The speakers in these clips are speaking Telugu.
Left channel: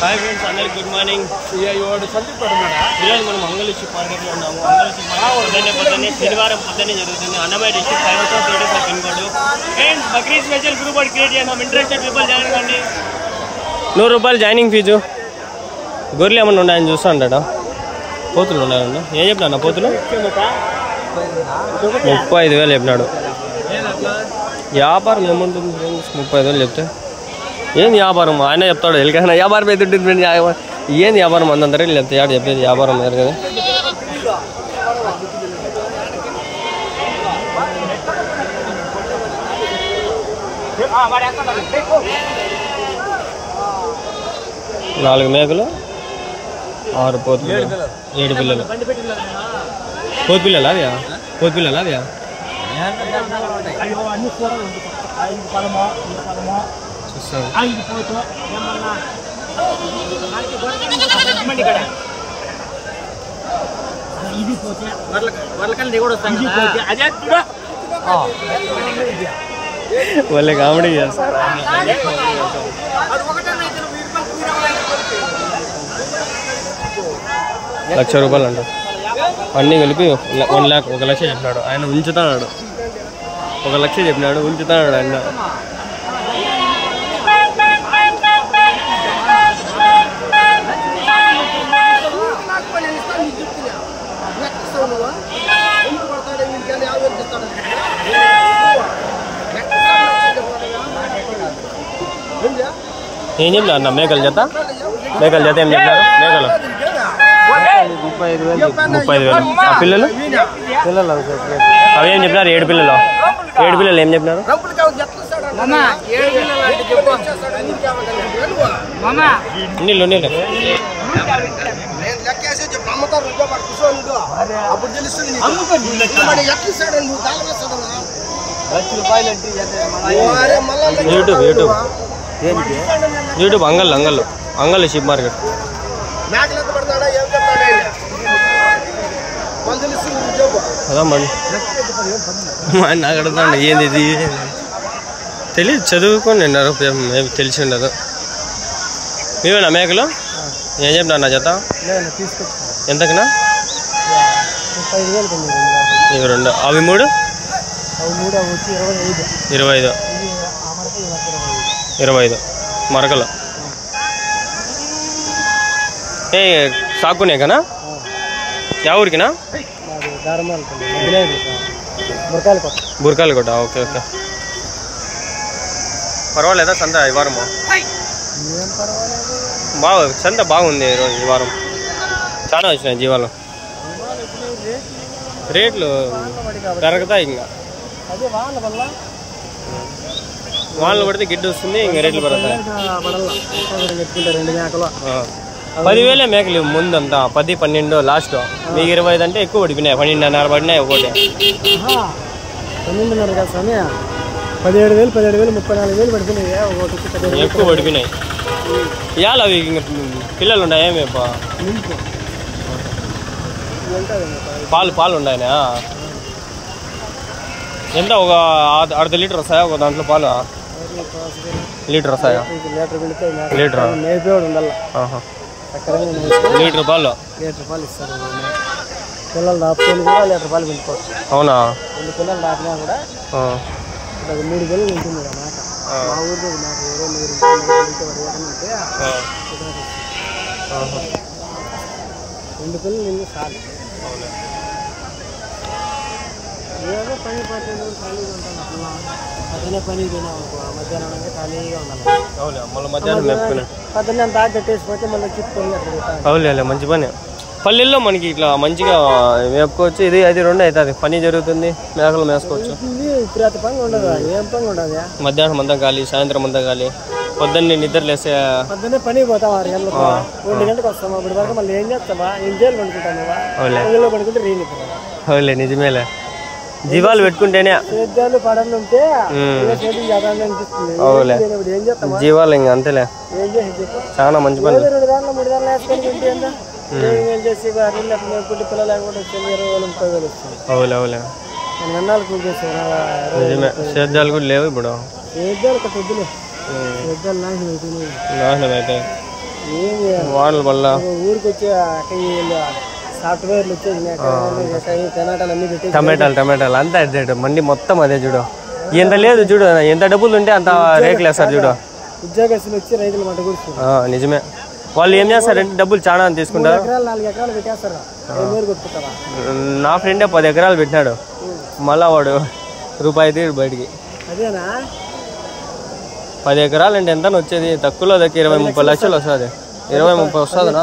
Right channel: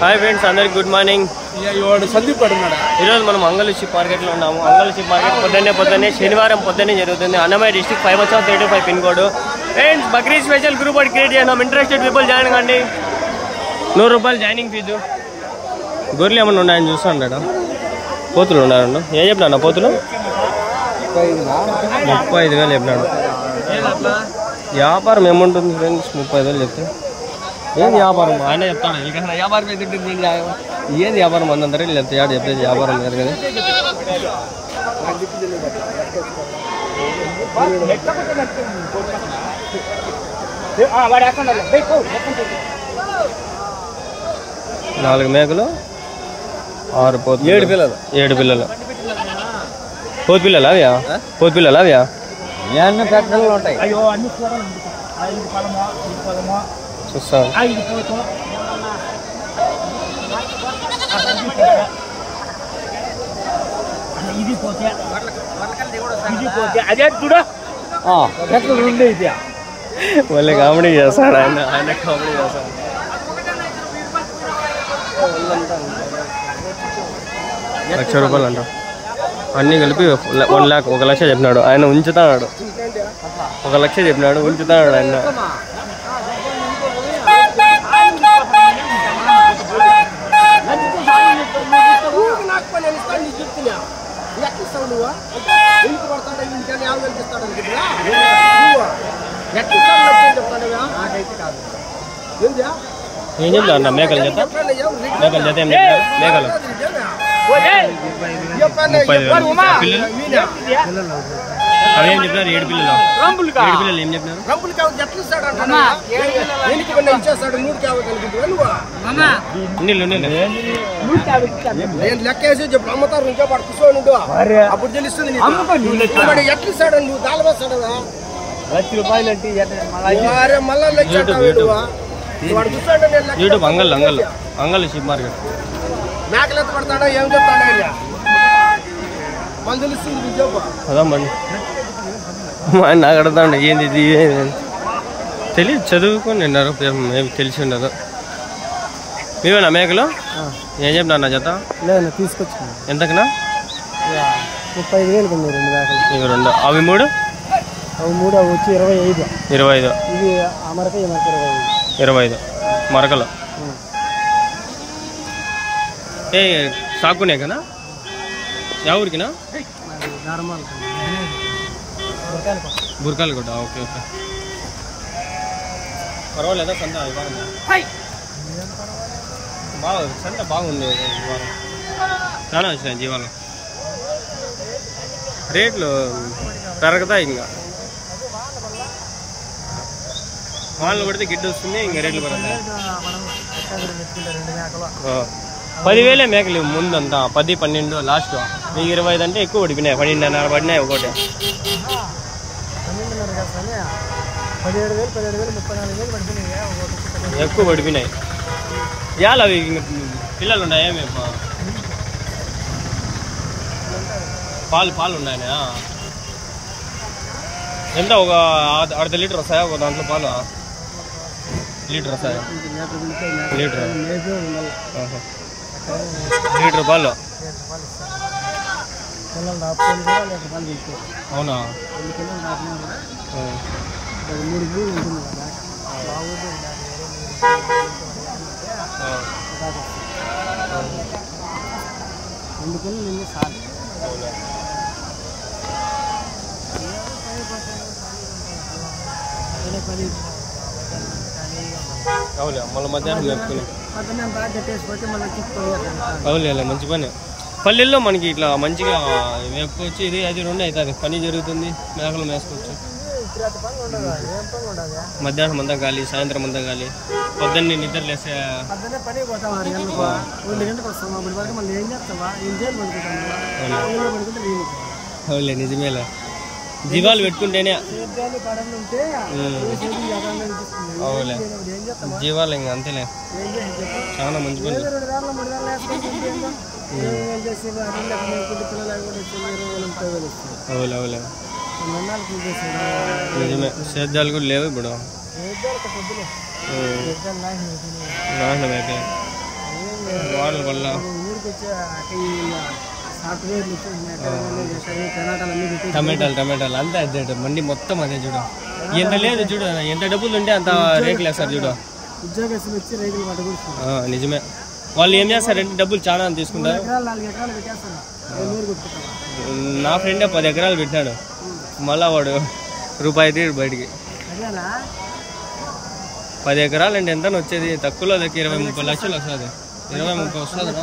హాయ్ ఫ్రెండ్స్, అందరికి గుడ్ మార్నింగ్. ఈరోజు మనం అంగళూరు మార్కెట్లో ఉన్నాము. అంగళూరు మార్కెట్ పొద్దున్నే శనివారం పొద్దున్నే జరుగుతుంది. Annamayya district 5/35 pin code. Friends, Bakrid special group ఒకటి క్రియేట్ చేద్దాం. ఇంట్రెస్టెడ్ పీపుల్ జాయిన్ కండి. 100 రూపాయలు జాయినింగ్ ఫీజు. గొర్రెలు ఏమన్నా ఉన్నాయని చూస్తూ ఉంటాడా? పోతులు ఉన్నారండు. ఏం చెప్పినా పోతులు 35,000 చెప్పినాడు. వ్యాపారం ఏముంటుంది ఫ్రెండ్స్? 35,000 చెప్తే ఏంది వ్యాపారం? ఆయన చెప్తాడు ఎలికైనా వ్యాపారం అయితే ఉంటుంది ఫ్రెండ్స్. ఏంది వ్యాపారం అంతంత రేట్లు చెప్తే ఆడ చెప్పేది వ్యాపారం వేరు కదా. నాలుగు మేకలు, 6 పోతులు, 7 పిల్లలు. పోతు పిల్లలు అవ్యా? పోతు పిల్లలు అవ్యా? చూస్తాను. వాళ్ళే కామెడీ చేస్తాడు ఆయన కామెడీ చేస్తాడు. ₹1,00,000 అంట. అన్నీ కలిపి 1 lakh, 1 లక్ష చెప్పినాడు ఆయన. ఉంచుతాడు 1 లక్ష చెప్పినాడు, ఉంచుతాడు ఆయన. ఏం చెప్పినారు అన్న? మేకల జత ఏం చెప్పినారు? మేకలు 35,000. ఆ పిల్లలు అవి ఏం చెప్పినారు? 7 పిల్లలు. 7 పిల్లలు ఏం చెప్పినారు? నీళ్ళు యూట్యూబ్ అంగళ్ళు షిప్ మార్కెట్. అదా మండి నాకు అడుగుతాండి ఏంది ఇది తెలియదు. చదువుకొని నిన్నారు, తెలిసి ఉండదు. మేమేనా మేకలు? ఏం చెప్పినా నా జత ఎంతకనా? 2. అవి 3 25. 25 మరకలు. ఏ సాకునే కనా? యా ఊరికినా? బుర్కాలకోట. Okay okay. పర్వాలేదా సంత ఈ వారము? సంత బాగుంది ఈరోజు. ఈ వారం చాలా వచ్చినాయి జీవాలు. రేట్లు పెరుగుతాయి ఇంకా. వానలు పడితే గిడ్డు వస్తుంది, ఇంకా రేట్లు పెరుగుతాయి. 10,000 మేకలు ముందంతా. 10, 12 లాస్ట్. మీకు 25 అంటే ఎక్కువ పడిపోయినాయి. 12,500 పడినాయి ఒకటి. 17,000 ఎక్కువ పడిపోయినాయి. ఇవాళ అవి ఇంకా పిల్లలు ఉన్నాయా? మేము పాలు ఉన్నాయనా? ఎంత? ఒక అర్ధ లీటర్ వస్తాయా ఒక దాంట్లో పాలు? లీటర్ వస్తాయా? లీటర్ పాలు. పిల్లలు దాపుకొని లీటర్ పాలు పెంచుకోవచ్చు. అవునా? 2 పిల్లలు దాటినా కూడా 3 పిల్లలు ఉంటుంది కదా. 2 పిల్లలు నిన్ను చాలు. అవునా? ఏదో పని అవులే మళ్ళీ మధ్యాహ్నం మేపుకునే అవులే మంచి పని. పల్లెల్లో మనకి ఇట్లా మంచిగా మేపుకోవచ్చు. ఇది 2 అవుతుంది. పని జరుగుతుంది, మేకలు మేసుకోవచ్చు. మధ్యాహ్నం అంతా గాలి, సాయంత్రం అంతా గాలి. పొద్దున్నే నిద్ర లేసే పని పోతాం 6 గంటలకు, 2 గంటలకు వస్తాం. అప్పటి వరకు మళ్ళీ ఏం చేస్తావా? ఏం చేయాలి పడుకుంటాను. పడుకుంటే అవులే నిజమేలే. జీవాలు పెట్టుకుంటేనే అవులే జీవాలు ఇంకా అంతేలే. చాలా మంచి పని. అవులే అవులే నిజమే. సేద్యాలు కూడా లేవు ఇప్పుడు. నాశనం అయితే వాడల వల్ల ఊరికి వచ్చి సాఫ్ట్వేర్లు వచ్చేసి టమాటాలు అంతా అదే మండి మొత్తం అదే చూడు. ఎంత లేదు చూడు, ఎంత డబ్బులు ఉంటే అంత రేట్లు వేస్తారు చూడు. ఉద్యోగస్తులు వచ్చి రైతులు మాట కూడా నిజమే. వాళ్ళు ఏం చేస్తారంటే డబ్బులు చాలా తీసుకుంటారు. 4 ఎకరాలు పెట్టేస్తారు. నా ఫ్రెండే 10 ఎకరాలు పెట్టినాడు. మళ్ళా వాడు రూపాయి తీరు బయటికి. 10 ఎకరాలు అంటే ఎంత వచ్చేది? తక్కువలో దగ్గర 20-30 లక్షలు వస్తుంది. 20-30 వస్తుందా?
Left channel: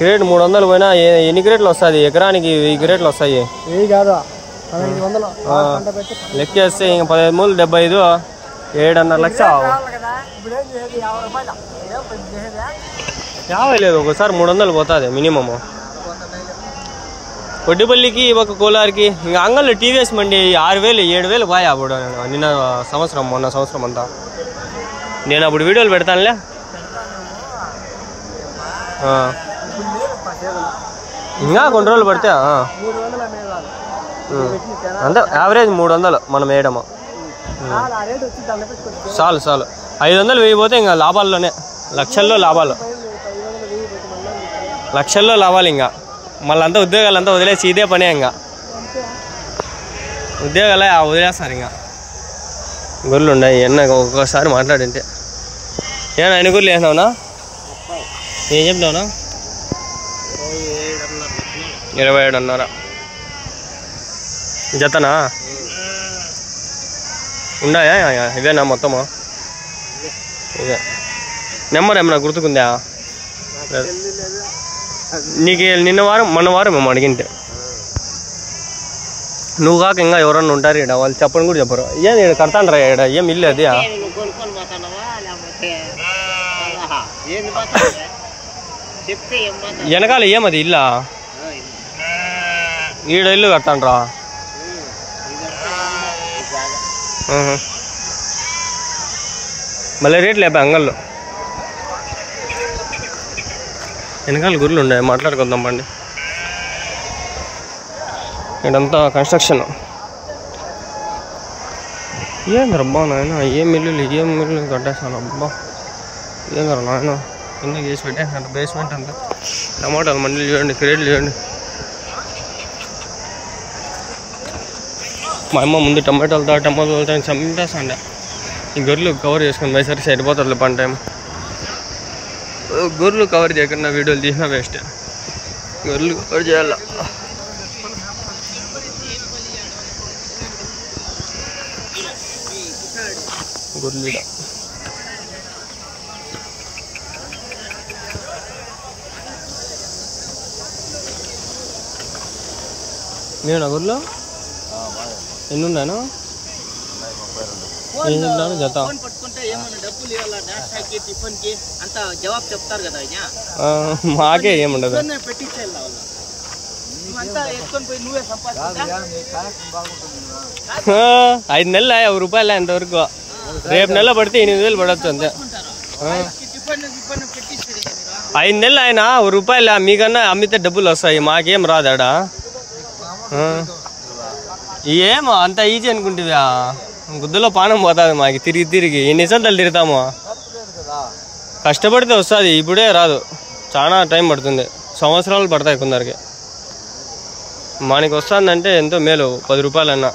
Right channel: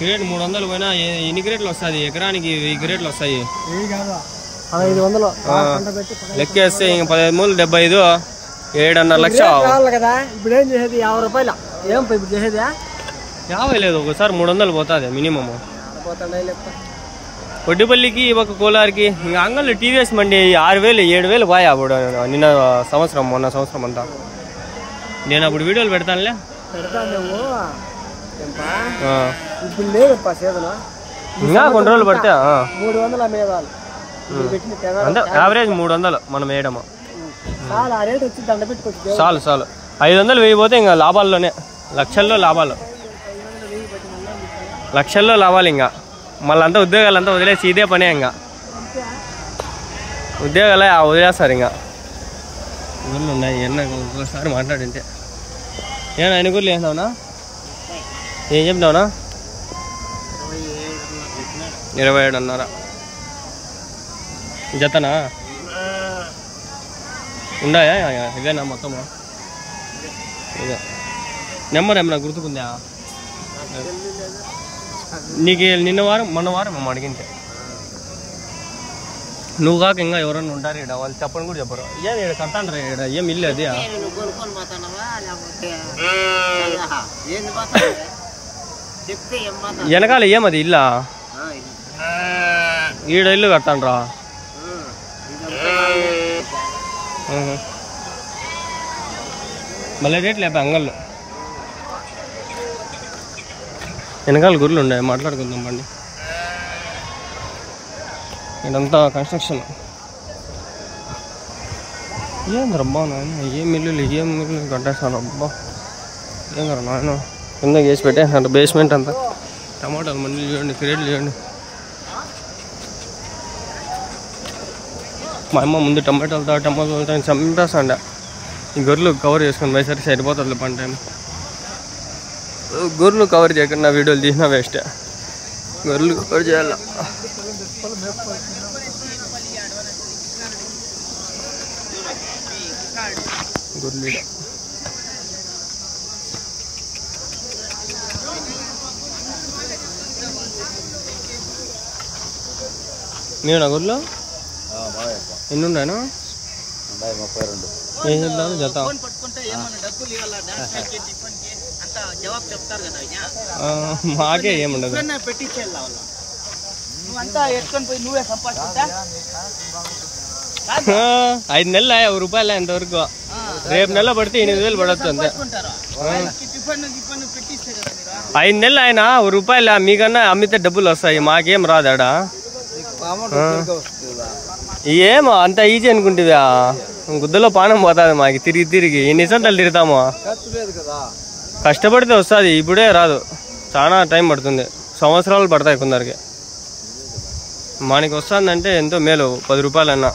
క్రేట్ 300 పోయినా ఎన్ని క్రేట్లు వస్తుంది? ఎకరానికి 1000 క్రేట్లు వస్తాయి. లెక్కేస్తే ఇంక 15 మూలు 75, 7.5 లక్షలు. 50 లేదు, ఒకసారి 300 పోతుంది మినిమము. కొడ్డిపల్లికి ఒక కోలారికి ఇంకా అంగల్లో టీవీఎస్ మండి 6,000 7,000 పోయా అప్పుడు నిన్న సంవత్సరం, మొన్న సంవత్సరం అంతా. నేను అప్పుడు వీడియోలు పెడతానులే. ఇంకా కొన్ని రోజులు పడితే అంతే. యావరేజ్ 300 మనం వేయడము చాలు. 500 వేయిపోతే ఇంకా లాభాల్లోనే, లక్షల్లో లాభాలు. ఇంకా మళ్ళీ అంతా ఉద్యోగాలంతా వదిలేసి ఇదే పనే. ఇంకా ఉద్యోగాలే వదిలేస్తారు. ఇంకా గొర్రెలు ఉన్నాయి. ఎన్న ఒక్కొక్కసారి మాట్లాడింటే ఏనా ఎన్ని గొర్రెలు వేసినావునా? ఏం చెప్పినావునా? 27.5 జతనా? ఉన్నాయా ఇవేనా మొత్తము? ఇదే నెంబర్ ఏమన్నా గుర్తుకుందా నీకు? మొన్న వారం మేము అడిగింటే నువ్వు కాక ఇంకా ఎవరన్నా ఉంటారు ఇక్కడ, వాళ్ళు చెప్పని కూడా చెప్పరు. ఏం నేను కడతాను రా ఇక్కడ, ఏం ఇల్లు అది వెనకాల ఏమది ఇల్లా? ఈడ ఇల్లు కడతాను రా. మళ్ళీ రేట్లు లేపా అంగల్లో. వెనకాల గుర్రెలు ఉన్నాయి, మాట్లాడుకుందాం పండి. ఇదంతా కన్స్ట్రక్షన్. ఏంది రబ్బా నాయన, ఏం మిల్లులు కట్టేస్తాను అబ్బా. ఏందర నాయన కింద చేసి పెట్టేసాను బేస్మెంట్ అంతా. టమాటాలు మండీలు చూడండి, క్రేట్లు చూడండి. మా అమ్మ ముందు టమాటాలతో చంపేస్తాండ. ఈ గొర్రెలు కవర్ చేసుకొని పోయేసరికి సరిపోతుంది పని టైం. గొర్రెలు కవర్ చేయకుండా వీడియోలు తీసినా వేస్టే. గొర్రెలు కవర్ చేయాల. గొర్రెలీడ నేను గొర్రెలు ఎన్ని ఉన్నాను? ఏం చెప్తాను జత? మాకే ఏముండదు. 5 నెలలు 1 రూపాయలు ఇంతవరకు. రేపు నెల పడితే 8,000 పడవచ్చు అంతే. 5 నెలలు ఆయన 1 రూపాయలు. మీకన్నా అమ్మితే డబ్బులు వస్తాయి, మాకేం రాదాడా? ఏమో అంత ఈజీ అనుకుంటువా? గుద్దలో పానం పోతుంది మాకు తిరిగి. ఎన్నిసార్లు తిరుగుతామో. కష్టపడితే వస్తుంది, ఇప్పుడే రాదు. చాలా టైం పడుతుంది, సంవత్సరాలు పడతాయి కొందరికి. మనకి వస్తుందంటే ఎంతో మేలు. 10 రూపాయలన్నా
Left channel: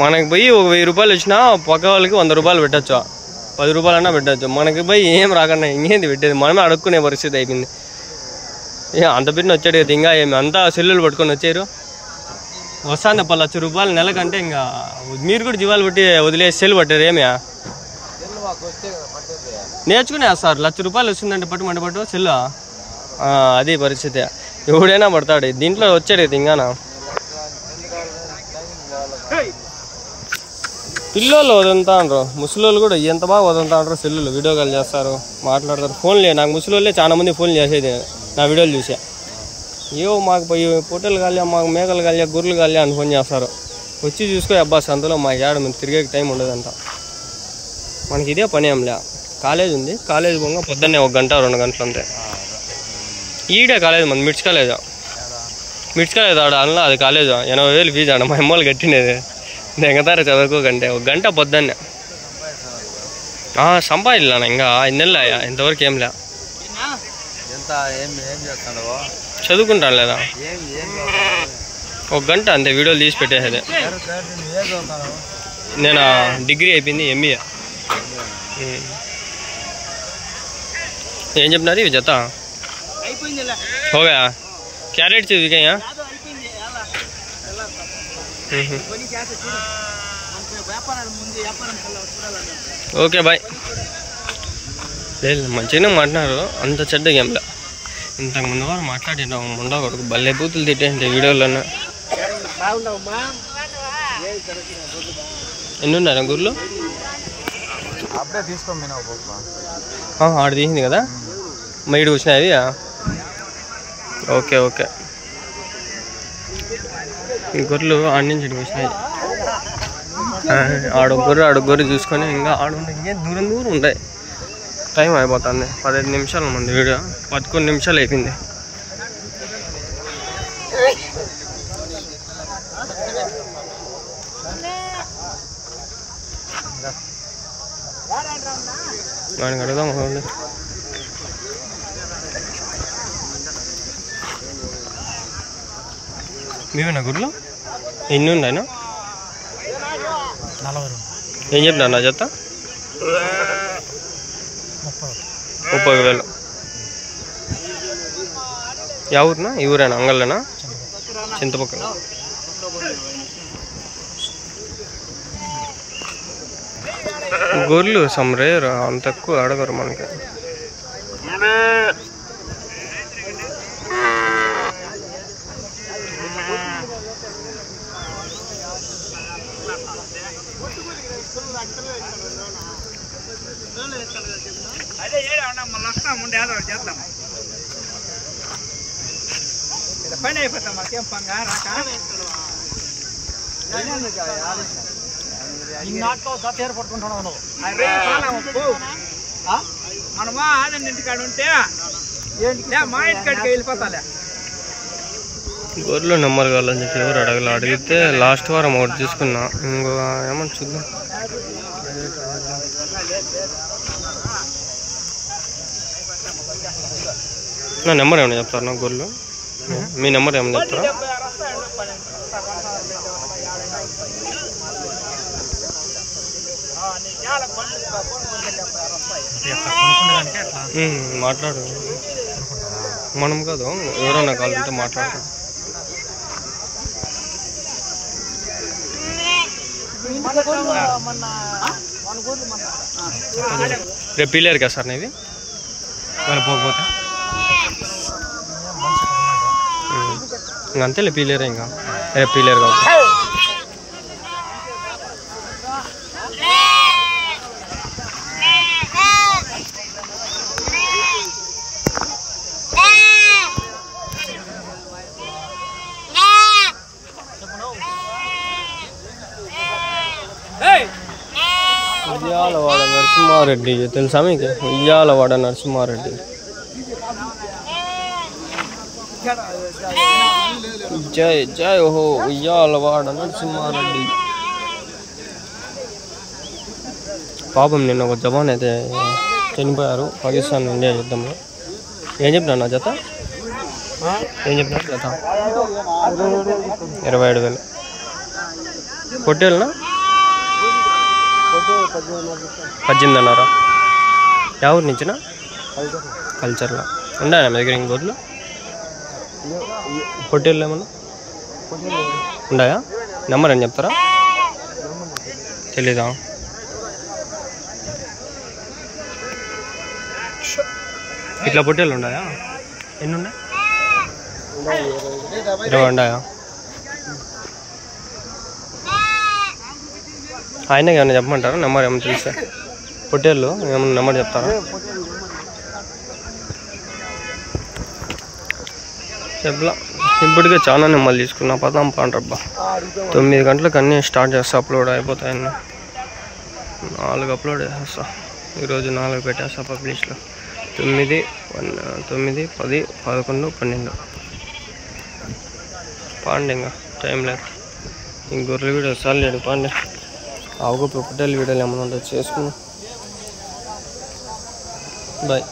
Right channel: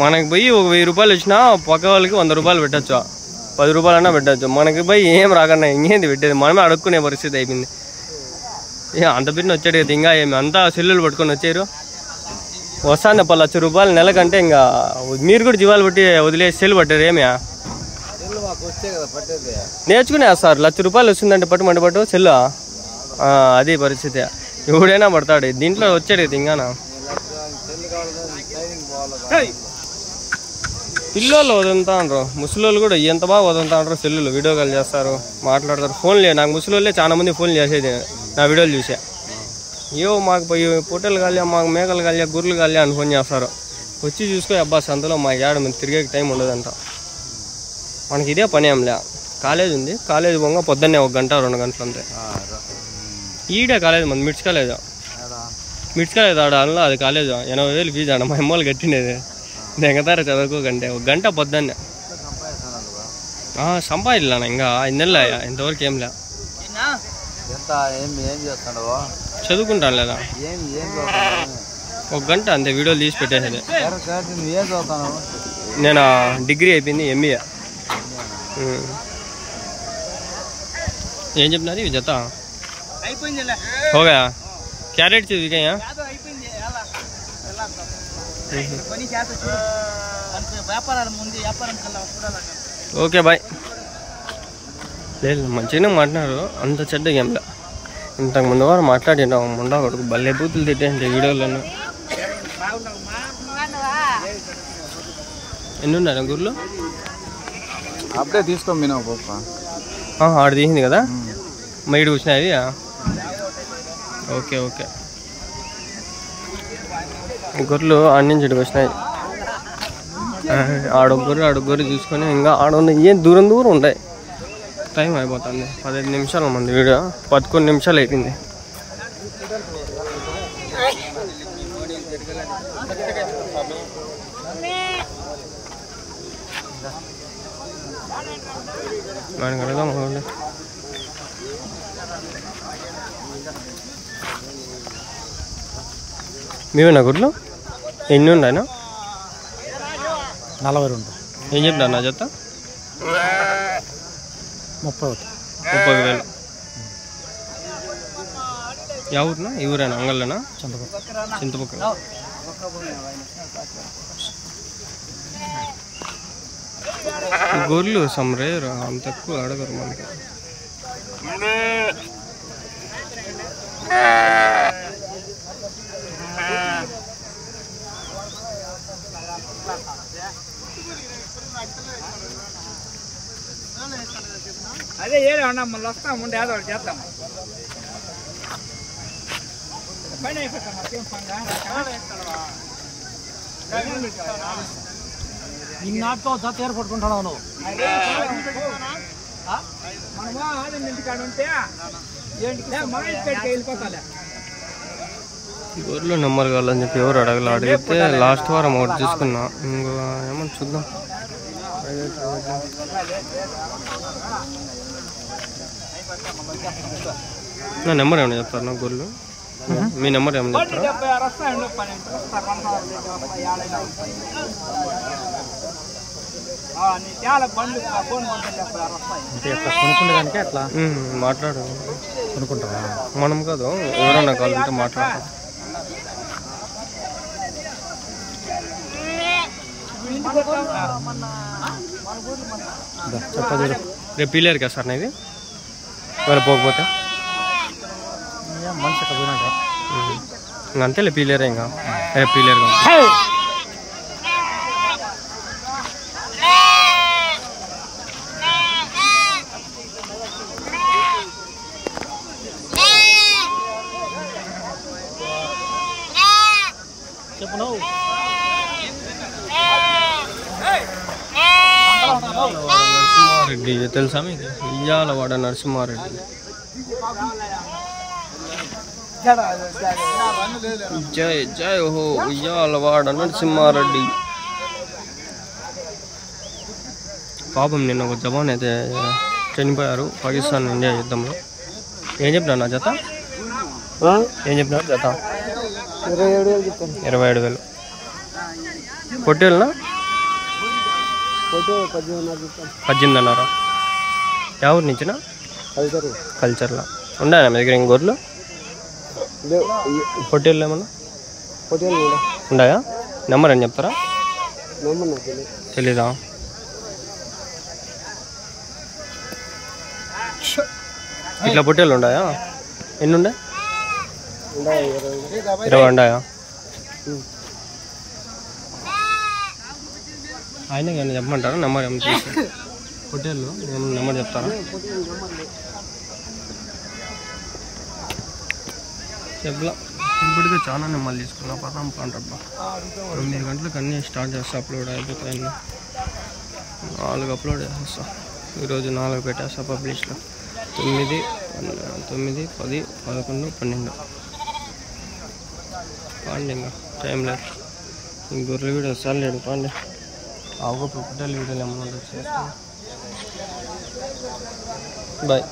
మనకి పోయి 1000 రూపాయలు వచ్చినా పక్క వాళ్ళకి 100 రూపాయలు పెట్టచ్చు, 10 రూపాయలన్నా పెట్టచ్చు. మనకి పోయి ఏం రాకన్నా ఇంకేంది పెట్టేది? మనమే అడుక్కునే పరిస్థితి అయిపోయింది. అంత బిడ్డ వచ్చాడు కదా, ఇంకా ఏమి అంతా సెల్లులు పట్టుకొని వచ్చారు. వస్తుంది 10 లక్ష రూపాయలు నెలకంటే. ఇంకా మీరు కూడా జీవాలు పెట్టి వదిలేసి సెల్లు పట్టారు. ఏమి నేర్చుకునే సార్ 1 లక్ష రూపాయలు వచ్చిందంటే పట్టు సెల్లు. అది పరిస్థితి. ఎవడైనా పడతాడు దీంట్లో. వచ్చాడు కదా ఇంకానా పిల్లోళ్ళు వదులుతాండ్రు, ముసలోళ్ళు కూడా ఎంత బాగా వదులుతాండ్రు. సెల్లులు వీడియో కాల్ చేస్తారు, మాట్లాడతారు. ఫోన్లే నాకు ముసలోళ్ళే చాలా మంది ఫోన్లు చేసేది నా వీడియోలు చూసా. మాకు పోయి పొట్టెలు కాలే, మాకు మేకలు కాలే, గుర్రెలు కాలే అని ఫోన్ చేస్తారు. వచ్చి చూసుకో అబ్బా సంతలో మా ఏడ మేము తిరిగే టైం ఉండదంట. మనకి ఇదే పని ఏంలే. కాలేజ్ ఉంది, కాలేజ్ పోగా పొద్దున్నే 1 గంట 2 గంటలు అంతే. ఈడే కాలేజ్ మన మిడ్స్ కాలేజ్ ఆడ అలా. అది కాలేజ్ 80,000 ఫీజు ఆడ. మా అమ్మోళ్ళు కట్టినది దెంగతార చదువుకోకంటే. 1 గంట పొద్దున్నే. సంపాదించాను ఇంకా 5 నెలలు ఇంతవరకు ఏం లే. చదువుకుంటాను లేదా 1 గంట అంతే వీడియోలు తీసి పెట్టేసేది. నేను డిగ్రీ అయిపోయింది MBA. ఏం చెప్పినారు ఇవి జత హోగా క్యారెట్ వికాయా ఓకే బాయ్. లేదు మంచిగానే మాట్లాడారు, అంత చెడ్డ గేమ్లా. ఇంతకు ముందు వారు మాట్లాడినా ముండా కొడుకు భలే బూతులు తిట్టేంటి వీడియోలోనే. ఎన్ని ఉన్నారా గుర్లు? అప్పుడే తీసుకోండి ఆడ తీసింది కదా మైడు వచ్చినాయి. ఓకే ఓకే గొర్రెలు ఆడి నుంచి ఇటుకు వచ్చినాయి. ఆడొగ్గొర్రె చూసుకొని ఇంకా ఆడ ఏం దూరం ఉంటాయి. టైం అయిపోతుంది 15 నిమిషాలు మంది వీడియో 11 నిమిషాలు అయిపోయింది. దానికి అడుగుదాం మీవేనా గుడ్లు? ఎన్ని ఉన్నాయినా? 40. ఏం చెప్పినా నా జత? 30,000. యా ఊరునా? ఈ ఊరేనా? అంగళ్ళనా? చింతపక్కన. గొర్రెలు సమ్రేరు అంత ఎక్కువ అడగరు మనకి. అదే మళ్ళీ వస్తాముండే ఏదో ఒకటి చేద్దాం. పని అయిపోతాం మాకేం పంగా నాటితో జత ఏర్పడుకుంటున్నాను. మనమా ఆనంద ఇంటికాడ ఉంటే మా ఇంటికాడికి వెళ్ళిపోతాలే. గొర్రెలు నెంబర్ కావాలని చెప్పి ఎవరు అడిగితే లాస్ట్ వారం ఒకటి తీసుకున్నా. ఇంకో ఏమన్నా చూద్దాం. నా నెంబర్ ఏమైనా చెప్తారా? నాకు గొర్రెలు మీ నెంబర్ ఏమైనా చెప్తారా? మాట్లాడు. మనం కాదు ఎవరన్నా కావాలంటే మాట్లాడతాం. రేపు పీలేరు కదా సార్ ఇది వాళ్ళు పోకపోతే అంతేలే పీలేరే ఇంకా రేపు పీలేరు కాదు. ఉయ్యాలవాడ నరసింహారెడ్డి తెలుసా మీకు? ఉయ్యాలవాడ నరసింహారెడ్డి జై జై ఓహో ఉయ్యాలవాడ నరసింహారెడ్డి. పాపం నిన్న ఒక జవాన్ అయితే చనిపోయారు పాకిస్తాన్ ఇండియా యుద్ధంలో. ఏం చెప్పినా నా జత? ఏం చెప్పినారు జత? 27,000. పొట్టేళ్ళనా? 18,500. ఎవరి నుంచినా? కల్చర్లో ఉన్నాయా మీ దగ్గర ఇంకోర్లు? పొట్టేళ్ళు ఏమన్నా ఉన్నాయా? నెంబర్ అని చెప్తారా? తెలీదా? ఇట్లా పొట్టేళ్ళు ఉన్నాయా? ఎన్ని ఉన్నాయి? 20 ఉన్నాయా? ఆయనకి ఏమైనా చెప్పమంటారా? నెంబర్ ఏమైనా చూస్తే పొట్టేళ్ళు ఏమన్నా నెంబర్ చెప్తారా? చెప్పలా. ఇప్పటికే చాలా నెంబర్లు తీసుకున్నా. పదాం పాండ్రబ్బా 9 గంటలకు అన్నీ స్టార్ట్ చేస్తా. అప్లోడ్ అయిపోతాయన్నీ. 4 అప్లోడ్ చేసేస్తా. ఈరోజు 4 పెట్టేస్తా పబ్లిష్లో. 9, 10, 11, 12 పాండి. ఇంకా టైం లేదు. ఇంక గొర్రెల వీడియో సార్ లేడు పాండి. ఆవుకు పొట్టేళ్ళ వీడియోలు ఏమైనా ఉంటుంది చేసుకున్నాం. బాయ్.